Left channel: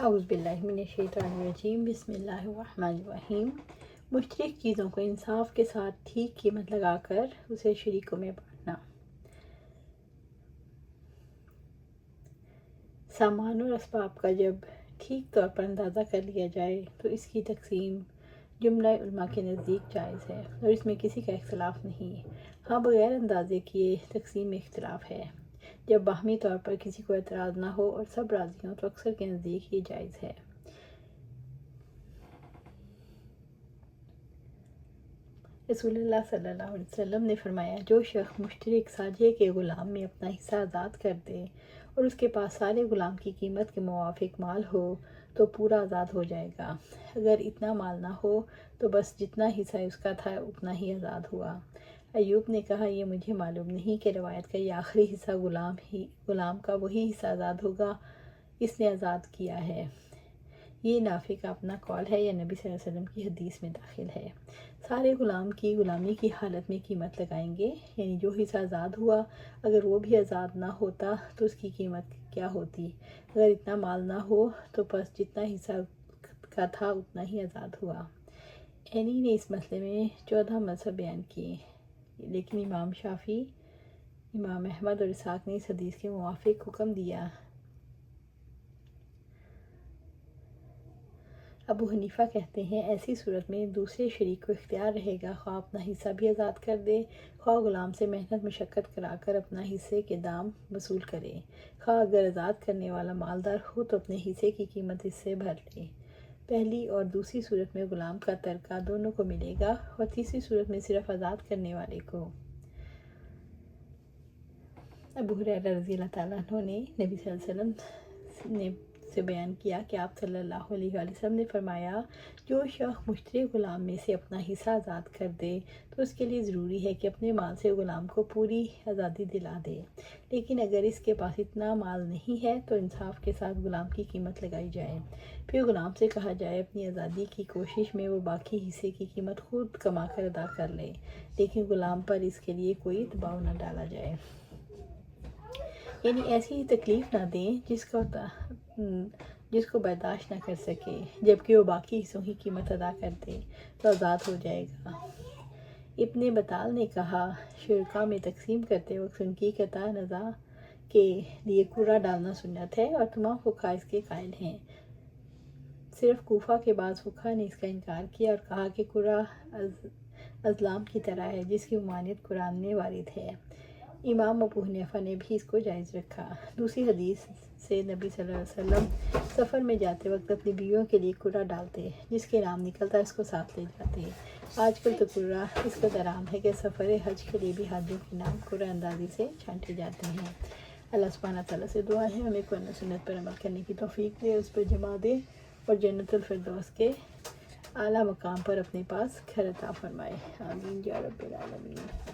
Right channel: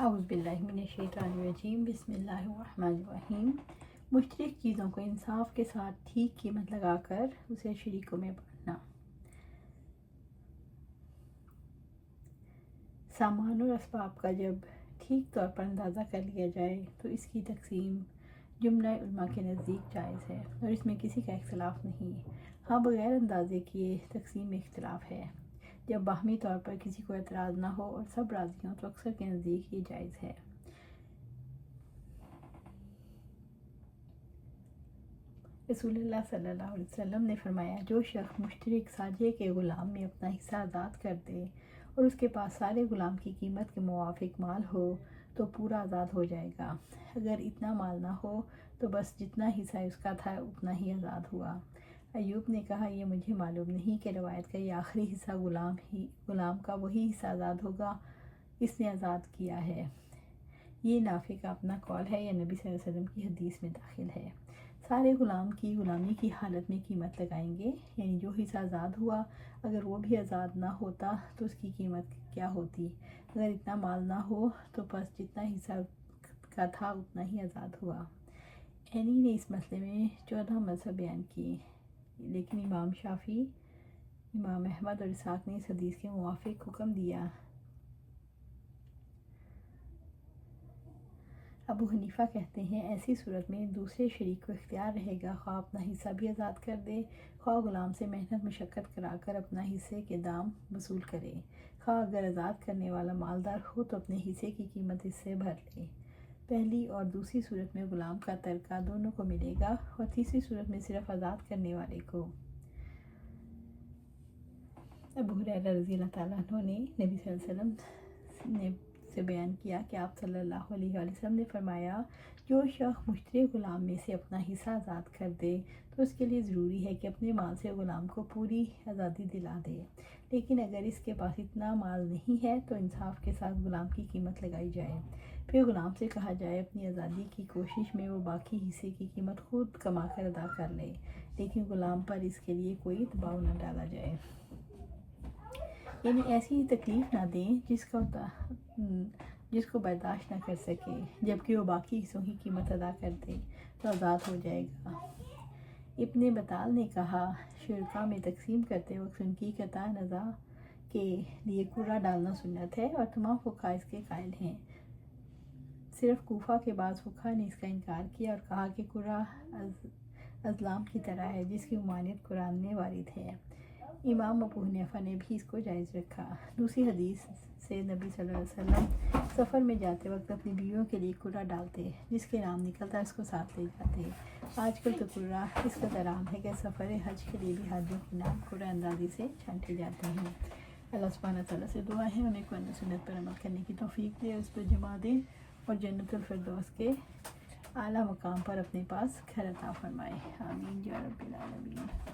اعوذ باللہ من الشیطان الرجیم، بسم اللہ الرحمن الرحیم۔ مشترک چیزوں کو انصاف کے ساتھ ٹھیک قیمت لگا کر اسے شریکوں میں بانٹنا۔ سامان اور اسباب کا جب ٹھیک طور پر اندازہ کر لیا جائے تو اس کی تقسیم جملہ علماء کے نزدیک جائز ہے اور اس میں کسی کا اختلاف نہیں۔ ہاں، بغیر اندازے کیے تقسیم میں اختلاف ہے۔ جب باہمی طور پر کسی کو اعتراض نہ ہو اور سب راضی ہوں تو اکثر کے نزدیک یہ جائز ہے۔ رسول اللہ صلی اللہ علیہ وسلم نے فرمایا، جو شخص مشترک ساجھے کے غلام میں اپنا حصہ آزاد کر دے اور اس کے پاس سارے غلام کی قیمت کے موافق مال ہو تو پورا آزاد ہو جائے گا۔ اگر اتنا مال نہ ہو تو بس جتنا حصہ اس کا تھا اتنا ہی آزاد ہوا۔ ایوب نے کہا، یہ مجھے معلوم نہیں کہ روایت کا یہ آخری حصہ غلام کا وہی حصہ آزاد ہوگا اس نے آزاد کیا ہے۔ یہ نافع کا اپنا قول ہے یا نبی صلی اللہ علیہ وسلم کی حدیث میں داخل ہے۔ سارے غلام کی غلامی کی حالت میں قیمت لگائیں گے، یعنی جو حصہ آزاد ہوا اگر وہ بھی آزاد نہ ہوتا تو اس کی قیمت کیا ہوتی۔ اگر اتنا مال نہ ہو تو بس جتنا حصہ کا تھا اتنا ہی آزاد ہوا۔ عینی نے اس مسئلے میں 14 مذہب بیان کیے، لیکن امام شافعی، امام احمد اور اسحاق نے اس حدیث کے موافق حکم دیا۔ ابو حنیفہ کہتے ہیں، ایسی صورت میں دوسرے شریک کو اختیار رہے گا، خواہ اپنا حصہ بھی آزاد کر دے، خواہ غلام سے محنت مشقت کرا کر اپنا حصے کے دام وصول کرے، خواہ اگر آزاد کرنے والا مالدار ہو تو اپنے حصے کی قیمت اس سے بھر لے۔ پہلی اور دوسری صورت میں غلام کا ترکہ دونوں کو ملے گا اور تیسری صورت میں صرف آزاد کرنے والے کو۔ ابو ہریرہ رضی اللہ تعالیٰ عنہ نے نبی صلی اللہ علیہ وسلم نے سے بیان کیا کہ آپ صلی اللہ علیہ وآلہ وسلم نے فرمایا، جو شخص مشترک غلام میں سے اپنا حصہ آزاد کر دے تو اس کے لیے ضروری ہے کہ اپنے مال سے غلام کو پوری آزادی دلا دے، لیکن اگر اس کے پاس اتنا مال نہیں ہے تو انصاف کے ساتھ غلام کی قیمت لگائی جائے، پھر غلام سے کہا جائے اپنی آزادی کی کوشش میں وہ باقی حصے کی قیمت خود کما کر ادا کر لے، لیکن غلام پر اس کے لیے کوئی دباؤ نہ ڈالا جائے، یعنی ایسی تکلیف نہ دیں جس کو برداشت نہ کر سکے، جبکہ وہ باقی حصوں کی قیمت ادا کر دے تو آزاد ہو جائے گا۔ ابن بطال نے کہا، شرکا میں تقسیم کرتے وقت ان کی قطع نظر کے لیے قرعہ ڈالنا سنت ہے اور تمام فقہا اس کے قائل ہیں۔ صرف کوفہ کے بعض فقہا نے اس کا انکار کیا اور کہا کہ قرعہ ازلام کی طرح ہے جس کی ممانعت قرآن میں وارد ہے۔ امام ابو حنیفہ نے بھی اس کو جائز رکھا۔ دوسری حدیث سے نبی صلی اللہ علیہ وسلم سفر میں جاتے وقت اپنی بیویوں کے لیے قرعہ ڈالتے، جس کے نام نکلتا اس کو ساتھ لے جاتے۔ آج کل تو قرعہ اس قدر عام ہے کہ سفر حج کے لیے بھی حاجیوں کے نام قرعہ اندازی سے چھانٹے جاتے ہیں۔ اللہ سبحانہ تعالیٰ سے دعا ہے ہمیں قرآن و سنت پر عمل کرنے کی توفیق دے، اس پر جمع دے اور جنت الفردوس کے اعلیٰ مقام پر اپنے پاس گھر عطا فرمائے۔ آمین یا رب العالمین۔